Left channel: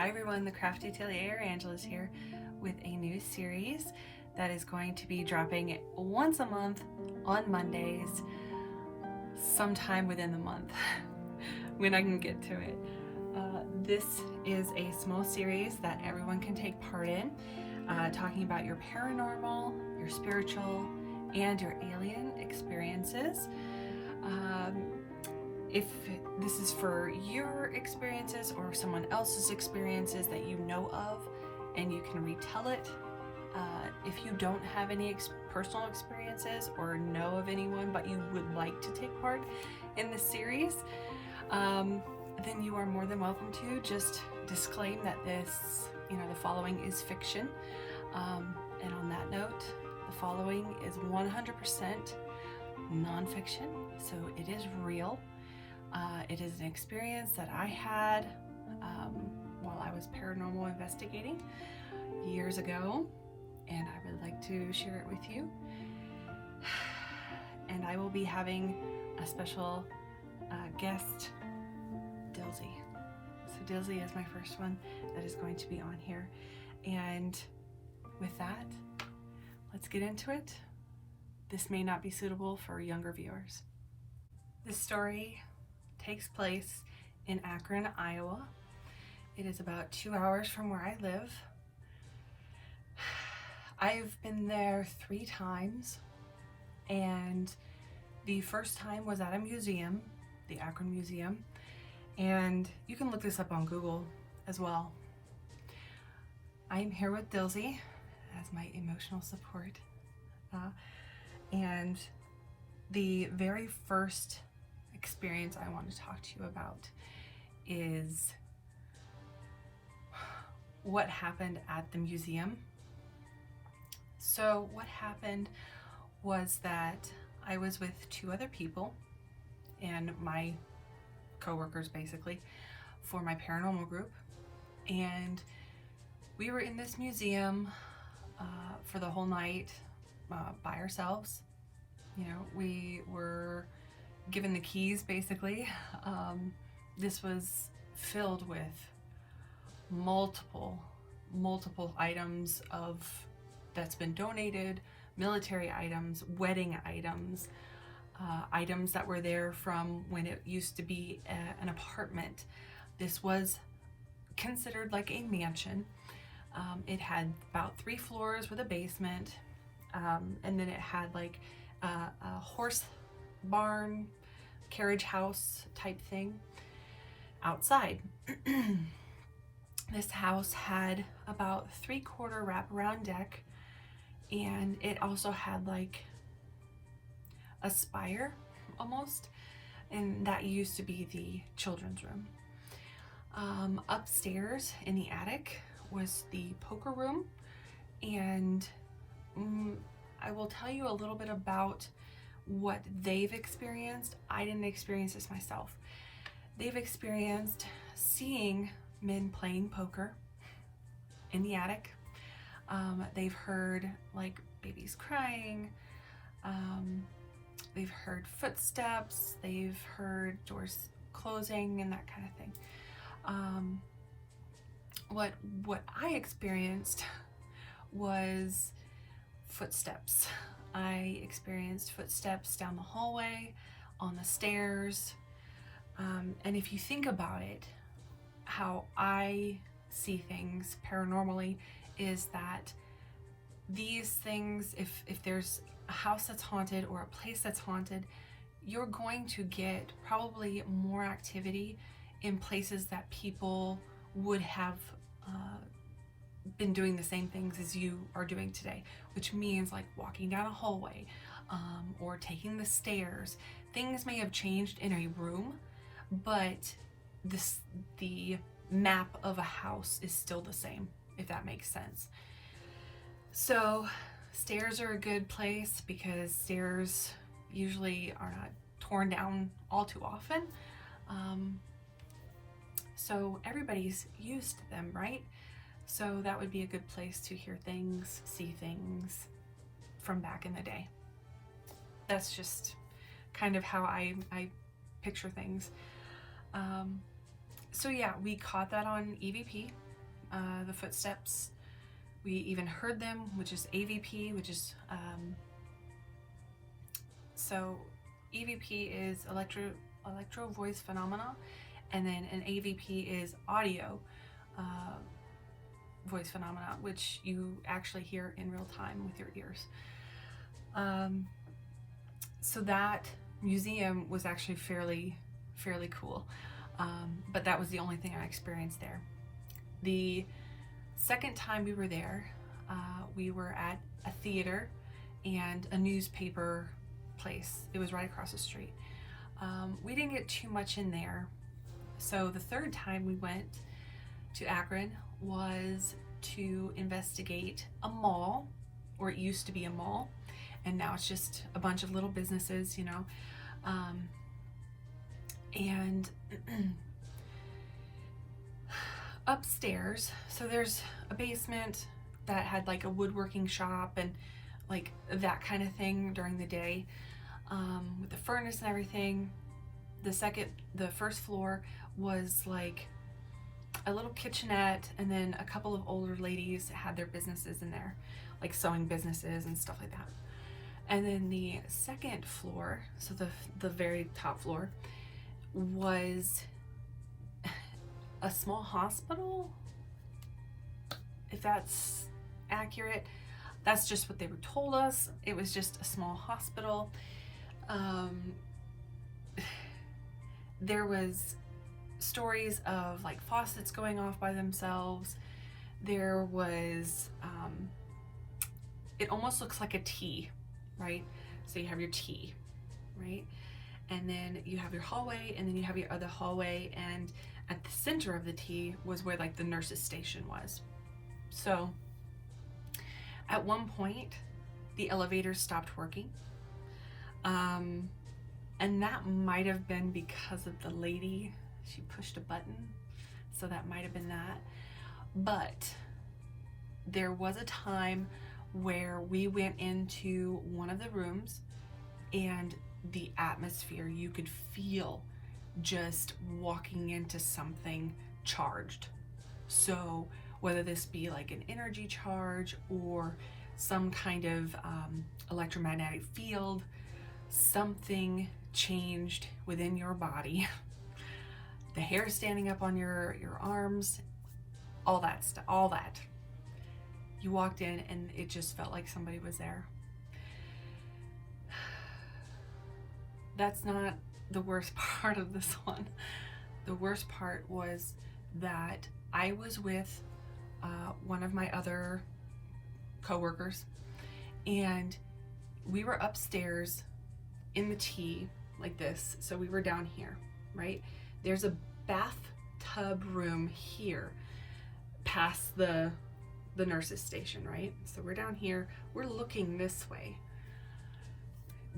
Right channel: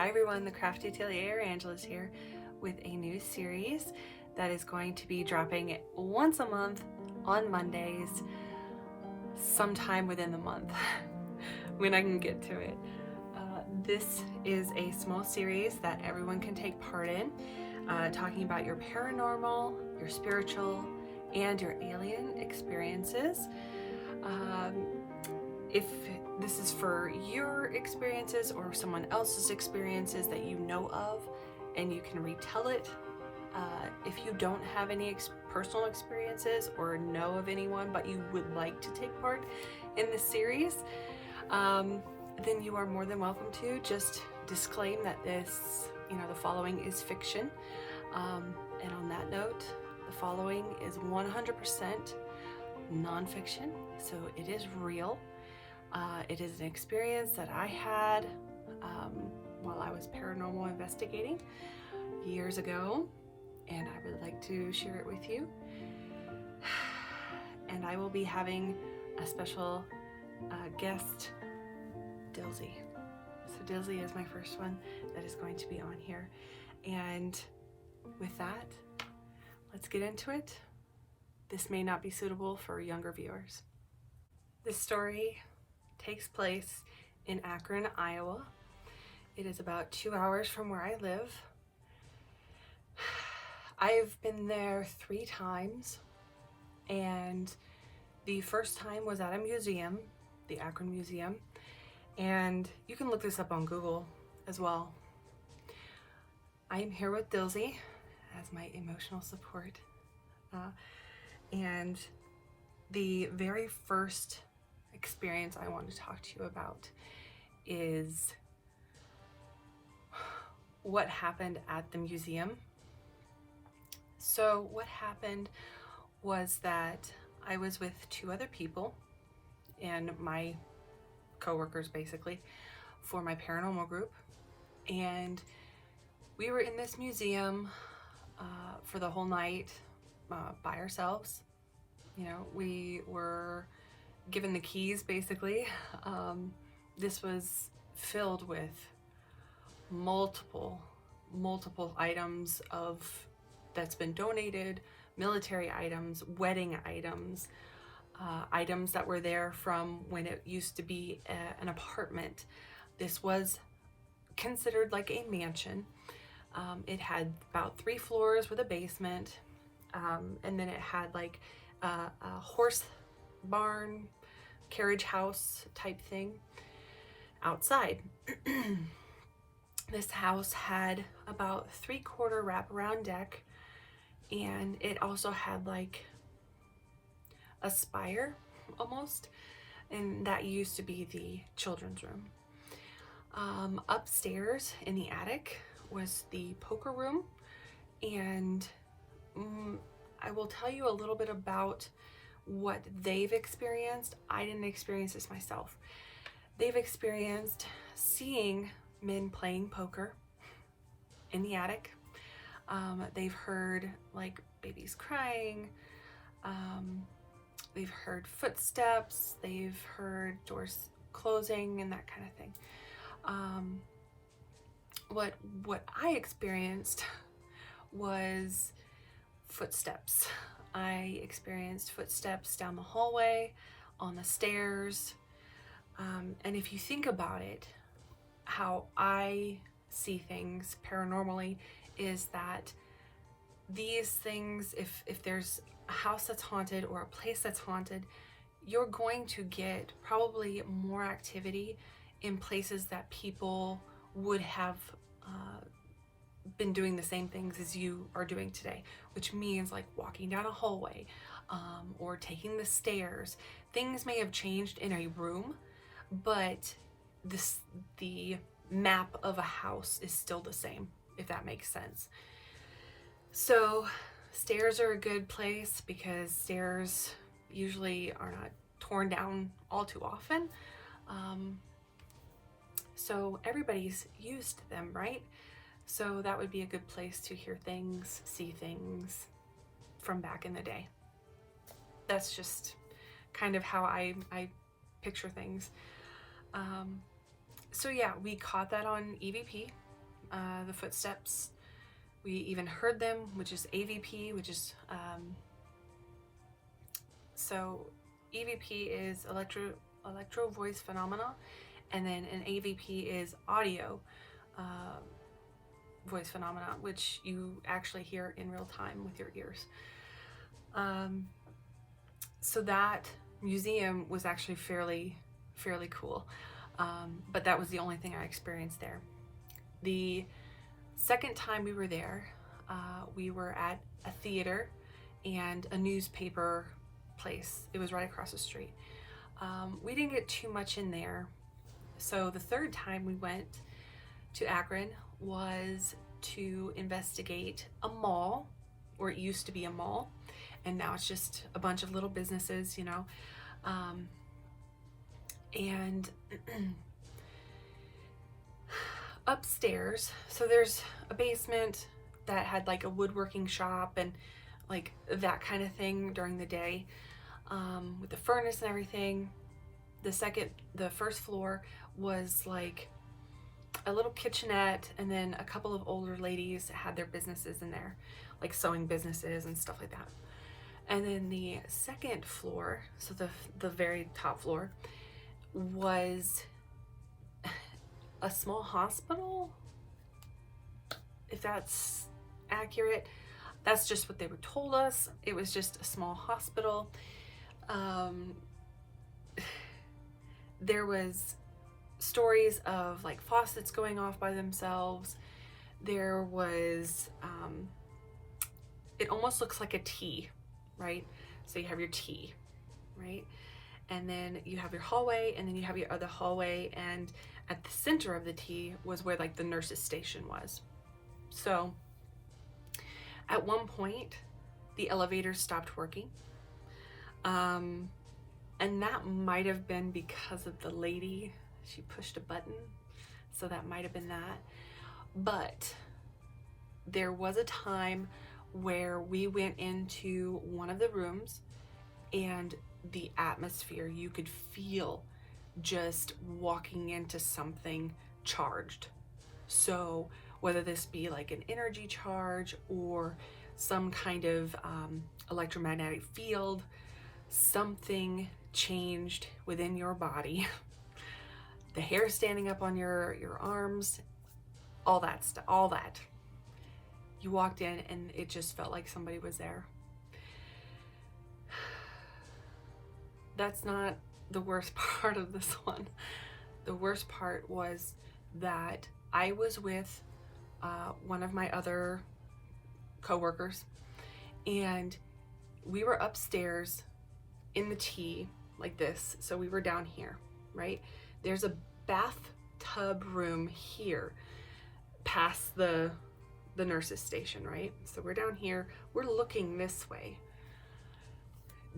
Hi everyone, the Crafty Atelier Angela's here with a new series that is going to be dropping once a month on Mondays, sometime within the month when I can get to it. This is a small series that everyone can take part in, talking about your paranormal, your spiritual, and your alien experiences. If this is for your experiences or someone else's experiences that you know of and you can retell it, if you don't have any personal experiences or know of anyone but you would like to take part in this series, then you are more than welcome to. Just disclaim that this, the following is fiction. And on that note, the following is 100% nonfiction, so it is real. It is an experience that I had while I was paranormal investigating years ago, and I would like to share it with you. And I will be having a special guest, Dilsey. So Dilsey is my first one that is going to be on here. And with that, let's get into it. This may not be suitable for younger viewers. This story takes place in Akron, Iowa. It is about 2 hours from where I live. I've been there 3 times, and the first time was at a museum, the Akron Museum, and you can look this up on Google as well. I am here with Dilsey as my emotional support, and the very first experience I want to talk to you about is what happened at the museum. So what happened was that I was with 2 other people and my co-workers basically for my paranormal group, and we were in this museum for the whole night by ourselves. We were given the keys basically. This was filled with multiple items that's been donated, military items, wedding items, items that were there from when it used to be an apartment. This was considered like a mansion. It had about 3 floors with a basement, and then it had like a horse barn, carriage house type thing outside. This house had about 3/4 wraparound deck, and it also had like a spire almost, and that used to be the children's room. Upstairs in the attic was the poker room, and I will tell you a little bit about what they've experienced. I didn't experience this myself. They've experienced seeing men playing poker in the attic. They've heard like babies crying. They've heard footsteps. They've heard doors closing and that kind of thing. What I experienced was footsteps. I experienced footsteps down the hallway, on the stairs, and if you think about it, how I see things paranormally is that these things, if there's a house that's haunted or a place that's haunted, you're going to get probably more activity in places that people would have been doing the same things as you are doing today, which means like walking down a hallway or taking the stairs. Things may have changed in a room, but the map of a house is still the same, if that makes sense. So stairs are a good place because stairs usually are not torn down all too often. So everybody's used them, right? So that would be a good place to hear things, see things from back in the day. That's just kind of how I picture things. So yeah, we caught that on EVP. the footsteps. We even heard them, which is AVP, which is, so EVP is electro voice phenomena, and then an AVP is audio voice phenomena, which you actually hear in real time with your ears. So that museum was actually fairly cool, but that was the only thing I experienced there. The second time we were there, we were at a theater and a newspaper place. It was right across the street. We didn't get too much in there. So the third time we went to Akron was to investigate a mall, or it used to be a mall, and now it's just a bunch of little businesses, you know. And upstairs, so there's a basement that had like a woodworking shop and like that kind of thing during the day, with the furnace and everything. The first floor was like a little kitchenette, and then a couple of older ladies had their businesses in there, like sewing businesses and stuff like that. And then the second floor, so the very top floor, was a small hospital, if that's accurate. That's just what they were told us. It was just a small hospital. There was stories of like faucets going off by themselves. There was, it almost looks like a T, right? So you have your T, right? And then you have your hallway, and then you have your other hallway, and at the center of the T was where like the nurse's station was. So at one point, the elevator stopped working. And that might have been because of the lady. She pushed a button, so that might have been that. But there was a time where we went into one of the rooms, and the atmosphere, you could feel just walking into something charged. So whether this be like an energy charge or some kind of electromagnetic field, something changed within your body. The hair standing up on your arms, all that stuff, all that. You walked in and it just felt like somebody was there. That's not the worst part of this one. The worst part was that I was with one of my other coworkers, and we were upstairs in the T like this. So we were down here, right? There's a bathtub room here past the nurse's station, right? So we're down here, we're looking this way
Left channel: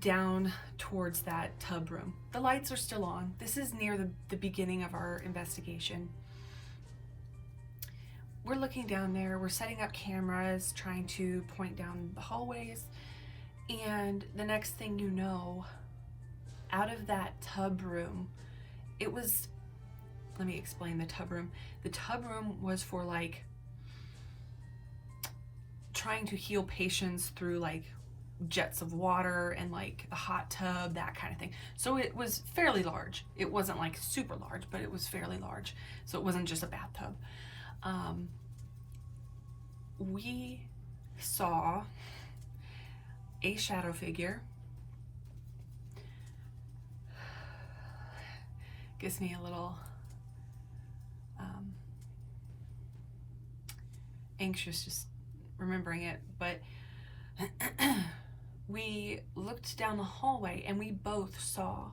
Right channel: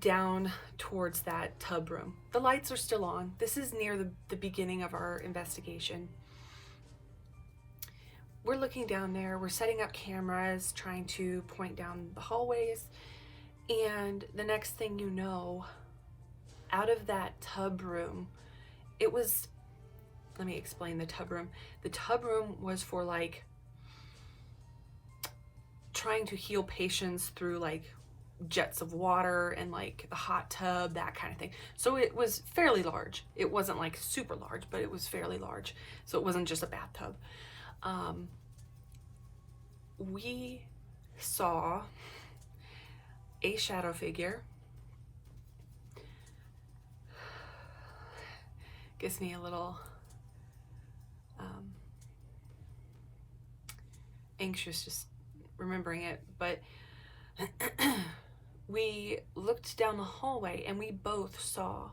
down towards that tub room. The lights are still on. This is near the beginning of our investigation. We're looking down there, we're setting up cameras, trying to point down the hallways, and the next thing you know, out of that tub room, it was, let me explain the tub room. The tub room was for like trying to heal patients through like jets of water and like the hot tub, that kind of thing. So it was fairly large. It wasn't like super large, but it was fairly large. So it wasn't just a bathtub. We saw a shadow figure. Gives me a little anxious just remembering it, but we looked down the hallway and we both saw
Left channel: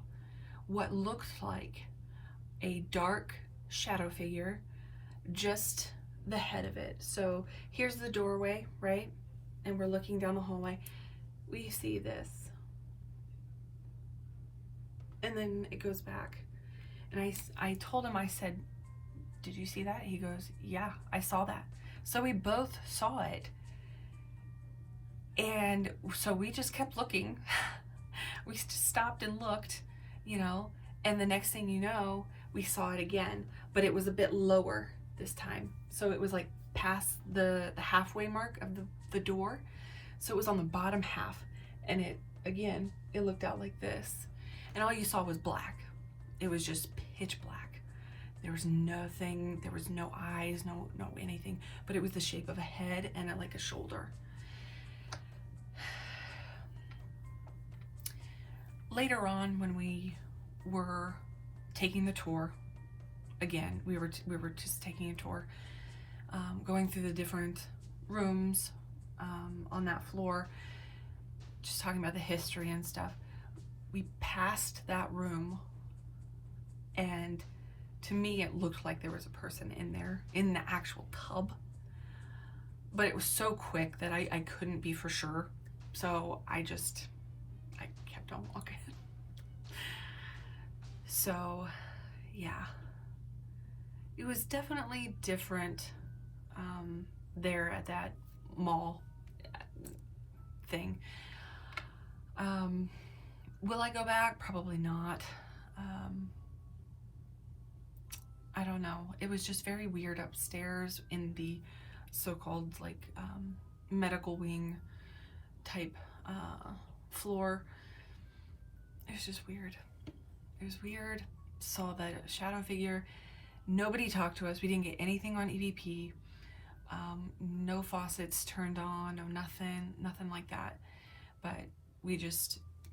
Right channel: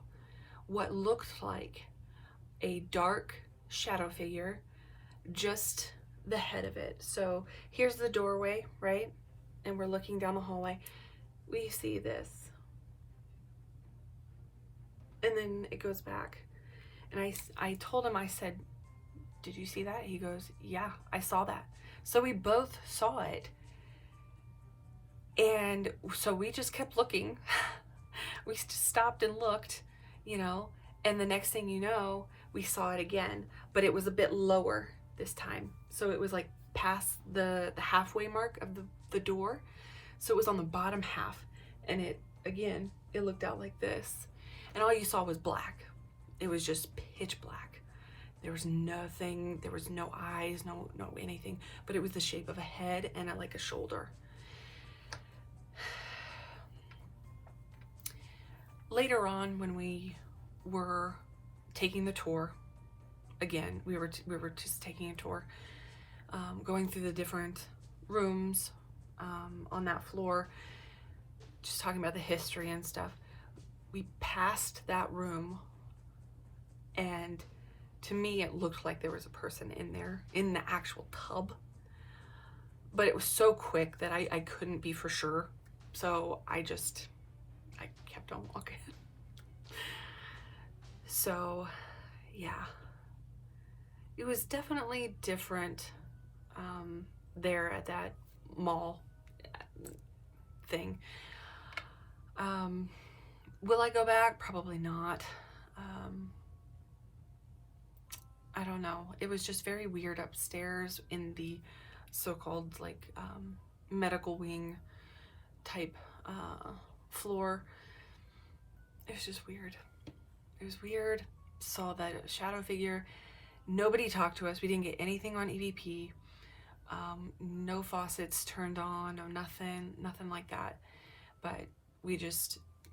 what looked like a dark shadow figure, just the head of it. So here's the doorway, right? And we're looking down the hallway. We see this. And then it goes back. And I told him, I said, did you see that? He goes, yeah, I saw that. So we both saw it. And so we just kept looking. We stopped and looked, you know, and the next thing you know, we saw it again, but it was a bit lower. this time. So it was like past the halfway mark of the door. So it was on the bottom half, and it, again, it looked out like this. And all you saw was black. It was just pitch black. There was nothing, there was no eyes, no anything, but it was the shape of a head and like a shoulder. Later on, when we were taking the tour, again, we were just taking a tour, going through the different rooms on that floor, just talking about the history and stuff. We passed that room, and to me it looked like there was a person in there, in the actual tub, but it was so quick that I couldn't be for sure, so I kept on walking. So yeah, it was definitely different there at that mall thing. Will I go back? Probably not. I don't know. It was just very weird upstairs in the so-called like medical wing type floor. It was just weird. It was weird. Saw that shadow figure. Nobody talked to us. We didn't get anything on EVP. No faucets turned on, no nothing like that. But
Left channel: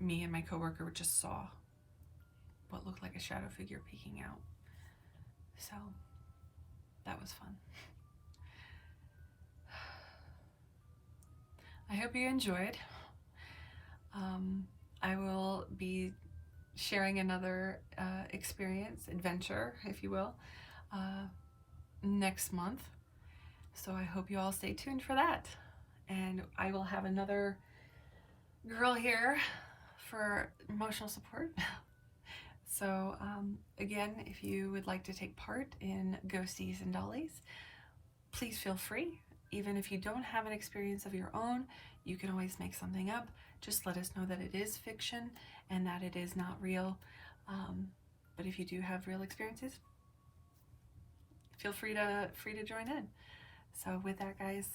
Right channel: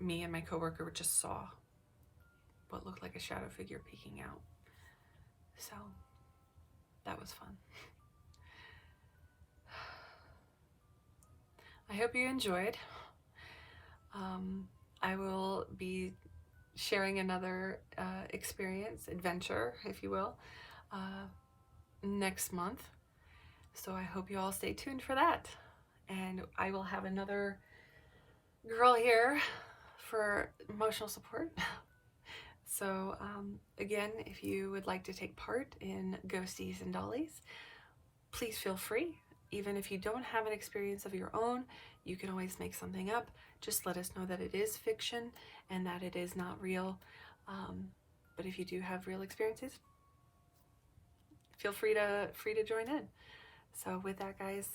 me and my coworker just saw what looked like a shadow figure peeking out. So that was fun. I hope you enjoyed. I will be sharing another adventure, if you will, next month. So I hope you all stay tuned for that. And I will have another girl here for emotional support. So again, if you would like to take part in Ghosties and Dollies, please feel free. Even if you don't have an experience of your own, you can always make something up. Just let us know that it is fiction and that it is not real. But if you do have real experiences, feel free to join in. So with that, guys,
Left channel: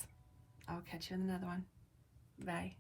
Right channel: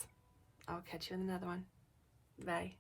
I'll catch you in another one. Bye.